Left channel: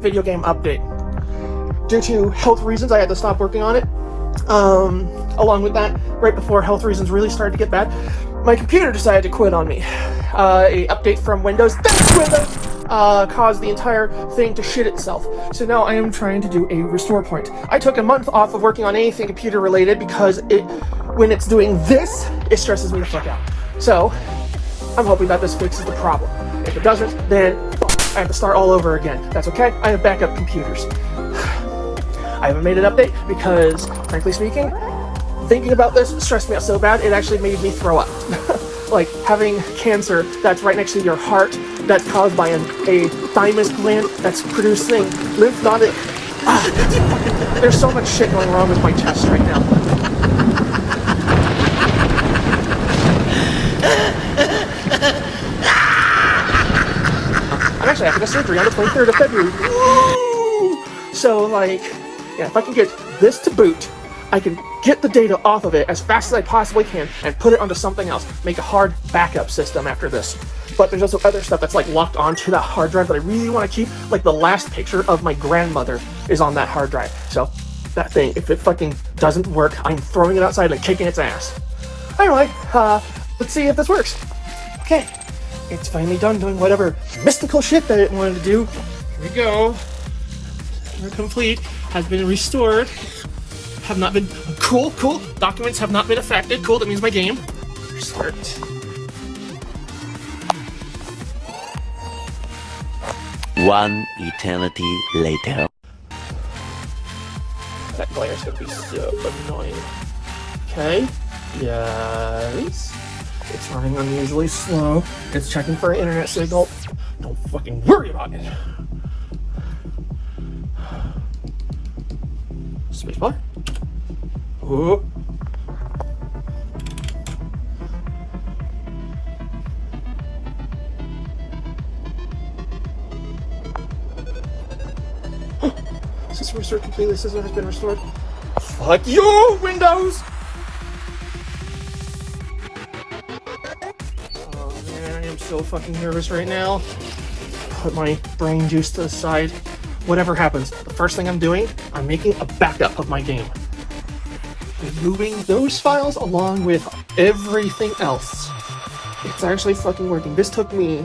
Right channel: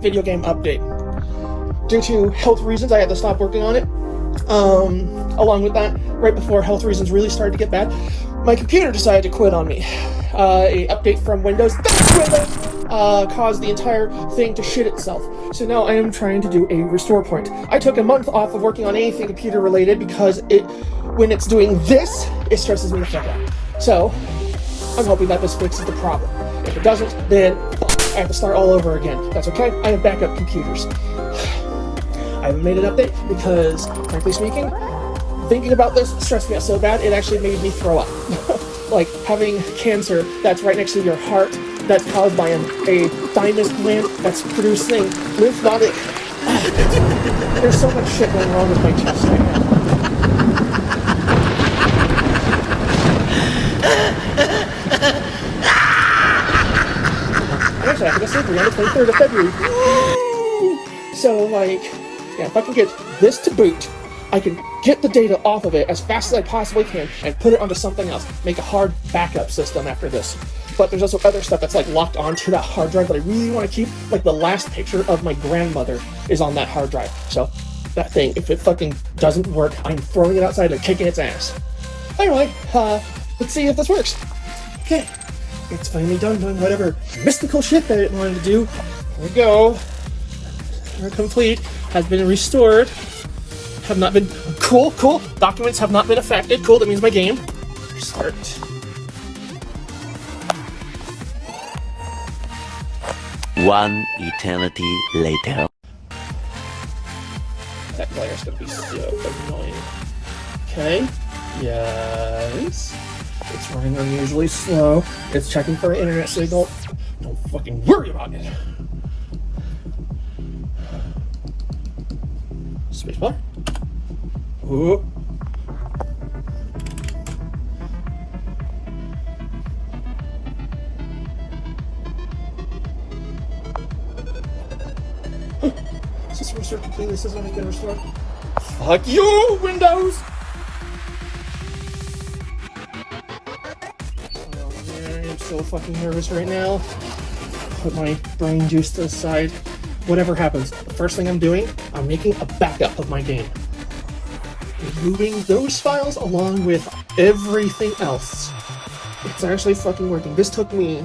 video game update. Due to health reasons, I had to stop working on it. Along with that, right before health reasons really started to get bad, my computer decided to quit on me. A update from Windows caused the entire thing to shit itself. So now I am trying to do a restore point. I took a month off of working on anything computer related because when it's doing this, it stresses me the fuck out. So I'm hoping that this fixes the problem. If it doesn't, then I have to start all over again. That's okay, I have backup computers. I haven't made an update because, frankly speaking, thinking about this stressed me out so bad, it actually made me throw up. Like having cancer that's right next to your heart, that's caused by a thymus gland that's producing lymphatic. There's so much shit going on with my chest right now. Actually, I took a surgery on the 23rd of February. So, like, yeah, if I can get this to boot, I can get the data off of it as fast as I possibly can and put it onto something else. Make a hard backup system after this. But there's also other stuff that's like locked onto that hard drive that I really want to keep. Like the last picture of my grandmother is on that hard drive. So that thing, if it fucking doesn't work, I'm throwing it outside and kicking its ass. Anyway, let's see if this works. Okay, it's finally done doing whatever mystical shit that it wanted to do. Here we go. We're complete. Has been restored. Have not been cool. Documents have not been affected. Cool, that means my game. Start. One eternity later. That glare is gonna be so annoying. Okay. Yes. It's running unusually slow. It's checking for an internet signal. Don't fucking worry about it. Spacebar. Ooh. System restored completely. System has been restored. Fuck you, Windows! Oh man, I am so fucking nervous right now. Put my brain juice to the side. Whatever happens, the first thing I'm doing, I'm making a backup of my game. Removing those files along with everything else. It's actually fucking working. This took me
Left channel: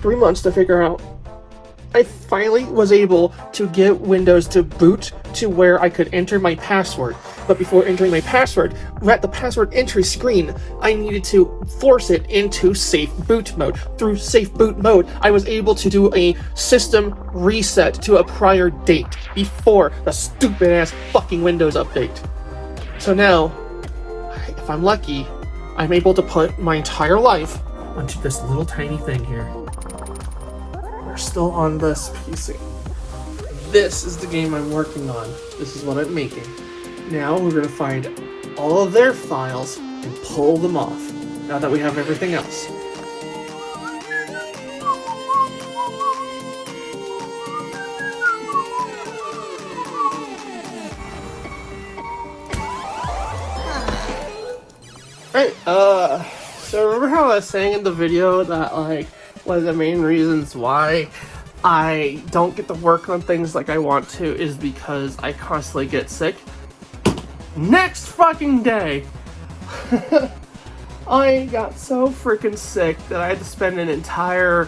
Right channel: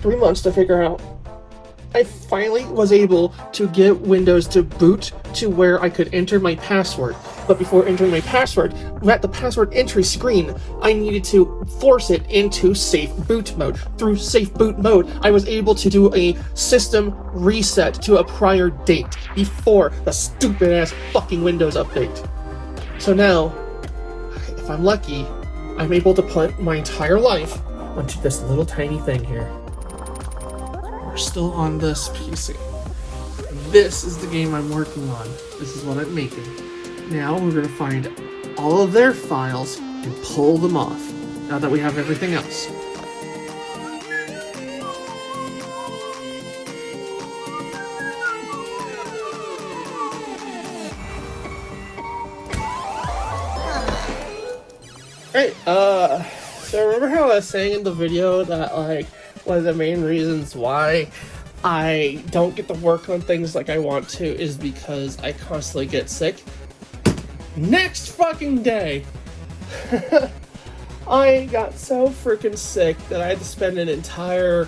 3 months to figure out. I finally was able to get Windows to boot to where I could enter my password. But before entering my password, at the password entry screen, I needed to force it into safe boot mode. Through safe boot mode, I was able to do a system reset to a prior date before the stupid ass fucking Windows update. So now, if I'm lucky, I'm able to put my entire life onto this little tiny thing here. We're still on this PC. This is the game I'm working on. This is what I'm making. Now we're going to find all of their files and pull them off, now that we have everything else. Alright, so remember how I was saying in the video that, like, one of the main reasons why I don't get to work on things like I want to is because I constantly get sick? Next fucking day, I got so freaking sick that I had to spend an entire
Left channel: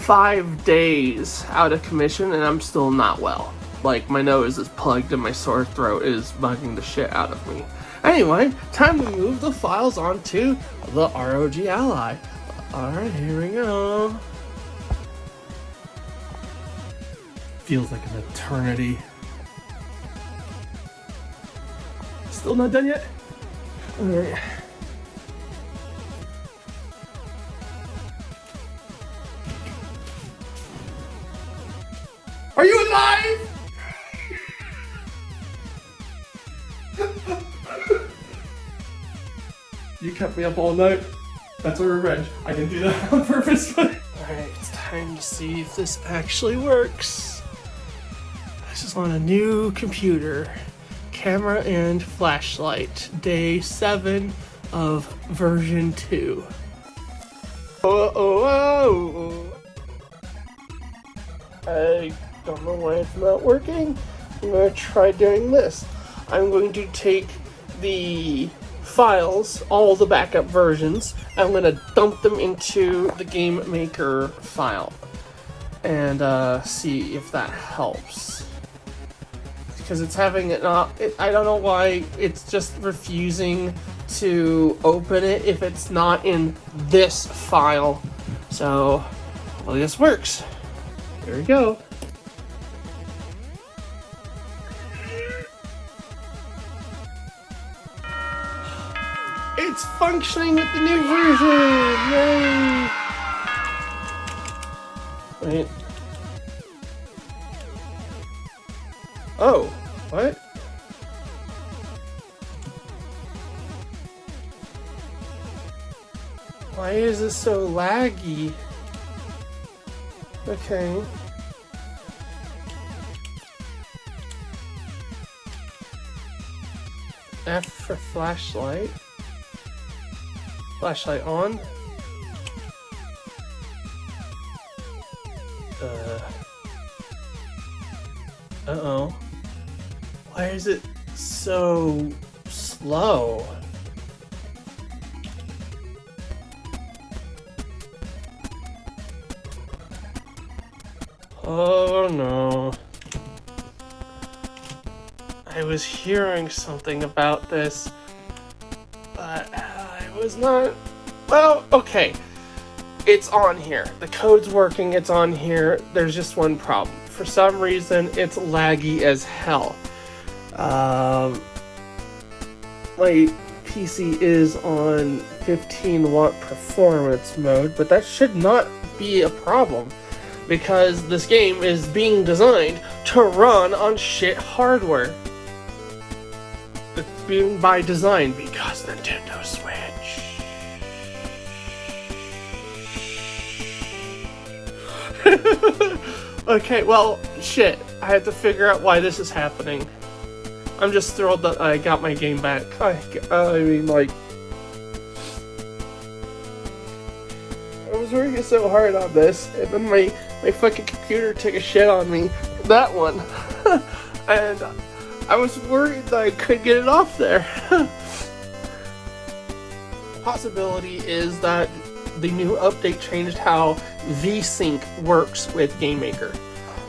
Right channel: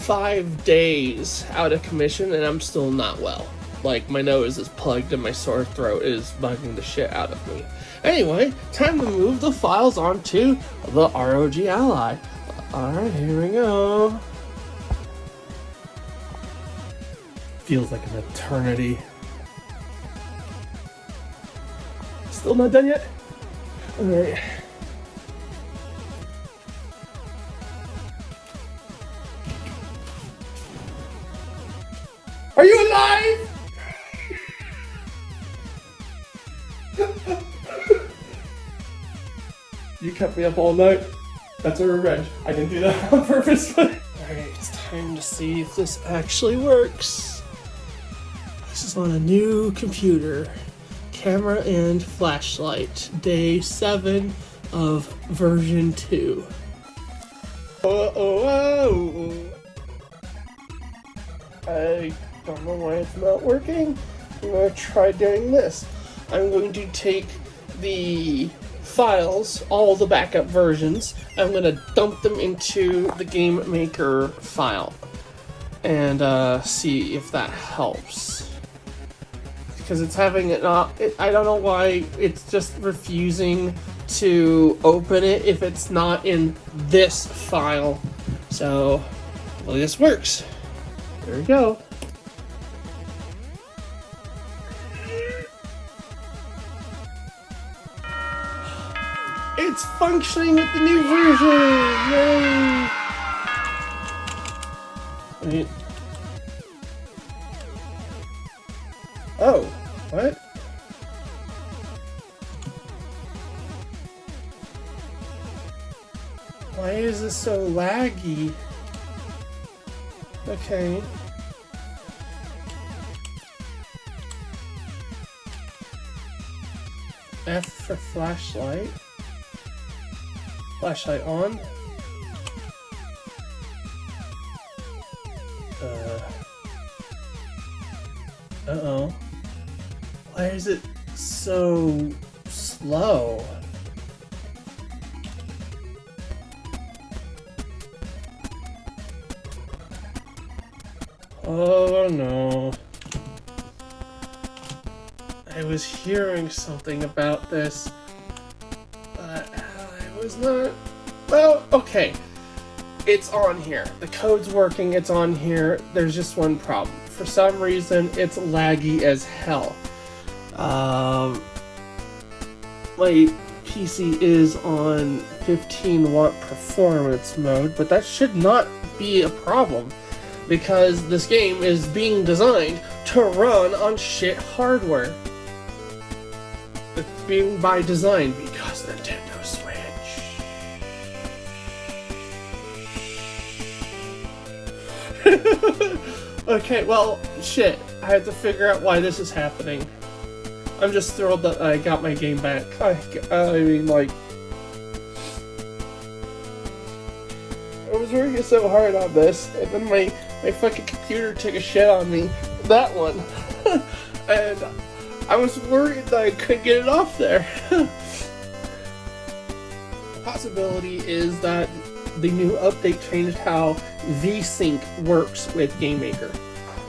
5 days out of commission and I'm still not well. Like, my nose is plugged and my sore throat is bugging the shit out of me. Anyway, time to move the files onto the ROG Ally. Alright, here we go. Feels like an eternity. Still not done yet? Alright. Are you alive? You kept me up all night. That's a revenge. I didn't do that on purpose. Alright, it's time to see if this actually works. This is on a new computer. Camera and flashlight. Day 7 of version 2. Oh. Don't know why it's not working. I'm going to try doing this. I'm going to take the files, all the backup versions, I'm going to dump them into the Game Maker file and see if that helps. Because it's having it not, I don't know why it's just refusing to open it if it's not in this file. So, hopefully this works. There we go. It's functioning with the new version! Yay! Wait. Oh, what? Why is this so laggy? Okay. F for flashlight. Flashlight on. Uh-oh. Why is it so slow? Oh no. I was hearing something about this, but I was not... Well, okay. It's on here. The code's working, it's on here. There's just one problem. For some reason, it's laggy as hell. My PC is on 15 watt performance mode, but that should not be a problem because this game is being designed to run on shit hardware. It's being by design because Nintendo Switch. Okay, well, shit. I have to figure out why this is happening. I'm just thrilled that I got my game back. I mean, like... I was working so hard on this, and then my fucking computer took a shit on me. That one. And I was worried that I couldn't get it off there. Possibility is that the new update changed how VSync works with Game Maker.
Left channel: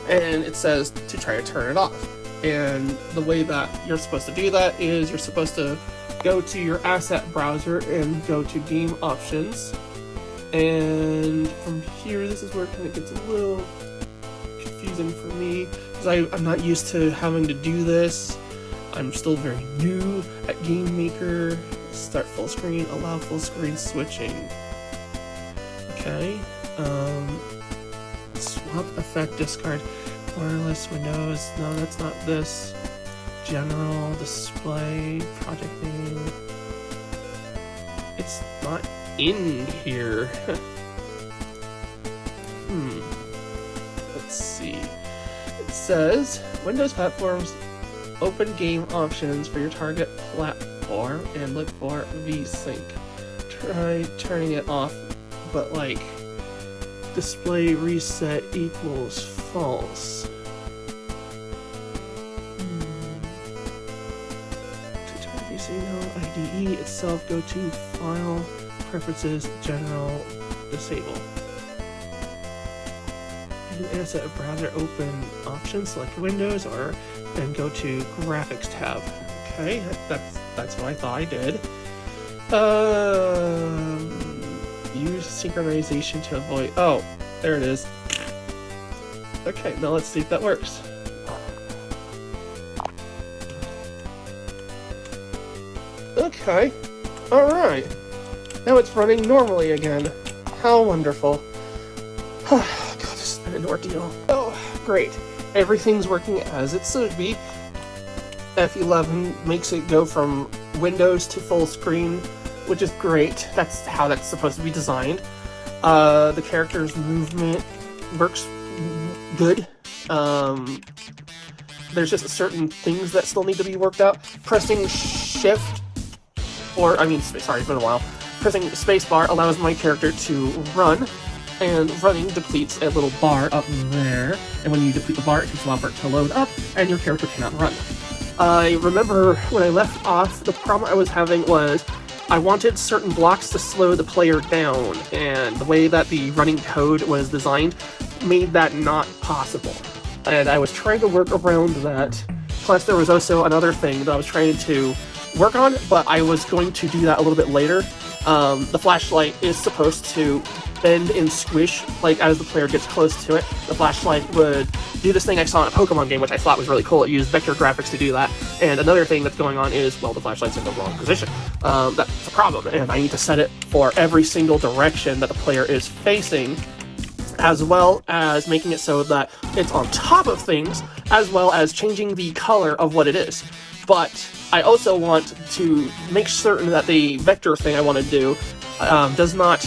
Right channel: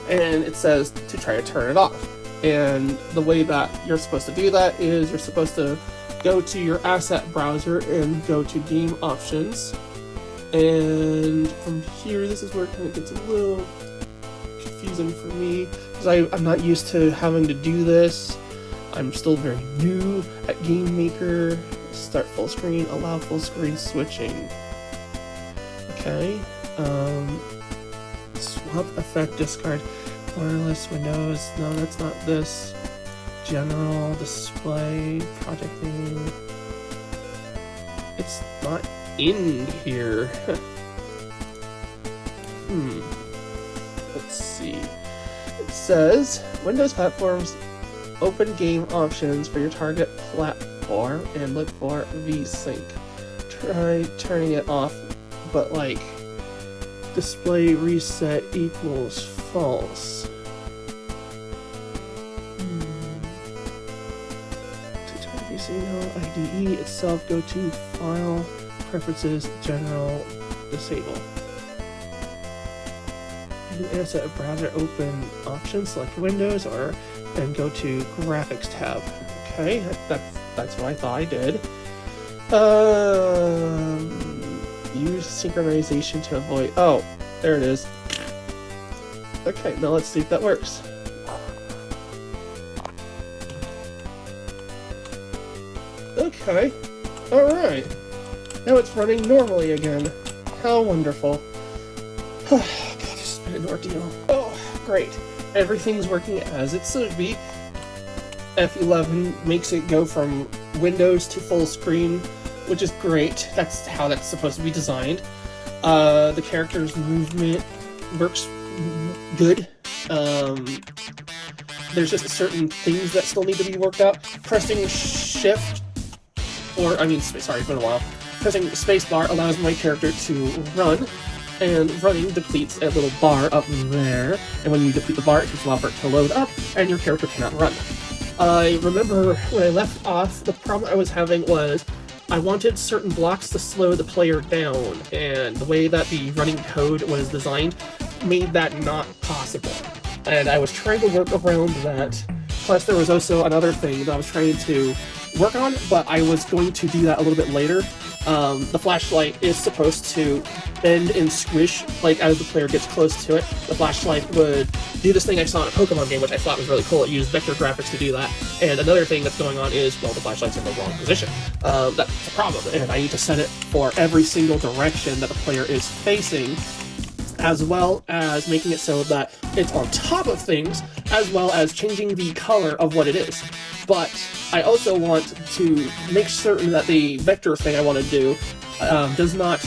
And it says to try to turn it off. And the way that you're supposed to do that is you're supposed to go to your asset browser and go to game options. And from here, this is where it kind of gets a little confusing for me because I'm not used to having to do this. I'm still very new at Game Maker. Start full screen, allow full screen switching. Okay. Swap effect discard. Wireless Windows. No, that's not this. General display. Project name. It's not in here. Let's see. It says Windows platforms open game options for your target platform and look for VSync. Try turning it off, but like display reset equals false. To turn VSync IDE itself, go to File, Preferences, General, Disable. In Asset Browser, open Options, select Windows, or then go to Graphics tab. Okay, that's what I thought I did. Use synchronization to avoid... Oh, there it is. Okay, now let's see if that works. Okay, alright. Now it's running normally again. How wonderful. God, this has been an ordeal. Oh, great. Everything's working as it should be. F11 makes it go from Windows to full screen, which is great. That's how that's supposed to be designed. The character's movement works good. There's just certain things that still need to be worked out. Pressing shift, or I mean, sorry, it's been a while. Pressing spacebar allows my character to run, and running depletes a little bar up there, and when you deplete the bar, it takes a while for it to load up, and your character cannot run. I remember when I left off, the problem I was having was I wanted certain blocks to slow the player down, and the way that the running code was designed made that not possible. And I was trying to work around that. Plus, there was also another thing that I was trying to work on, but I was going to do that a little bit later. The flashlight is supposed to bend and squish, like, as the player gets close to it. The flashlight would do this thing I saw in a Pokemon game, which I thought was really cool. It used vector graphics to do that. And another thing that's going on is, well, the flashlight's in the wrong position. That's a problem, and I need to set it for every single direction that the player is facing, as well as making it so that it's on top of things, as well as changing the color of what it is. But I also want to make certain that the vector thing I want to do does not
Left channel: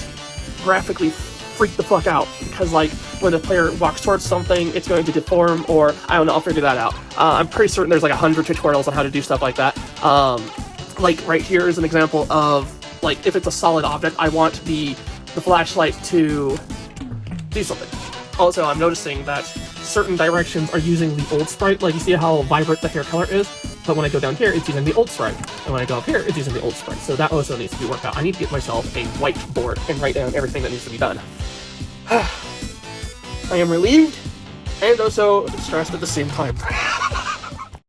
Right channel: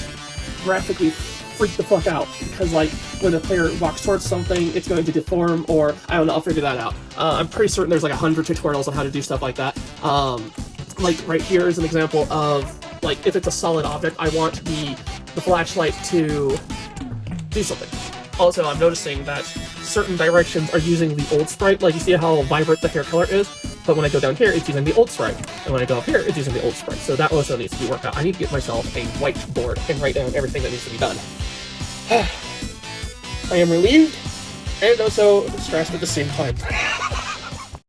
graphically freak the fuck out, because like when a player walks towards something, it's going to deform, or I don't know, I'll figure that out. I'm pretty certain there's like 100 tutorials on how to do stuff like that. Like right here is an example of, like, if it's a solid object, I want the flashlight to do something. Also, I'm noticing that certain directions are using the old sprite, like you see how vibrant the hair color is, but when I go down here, it's using the old sprite, and when I go up here, it's using the old sprite, so that also needs to be worked out. I need to get myself a whiteboard and write down everything that needs to be done. I am relieved, and also stressed at the same time.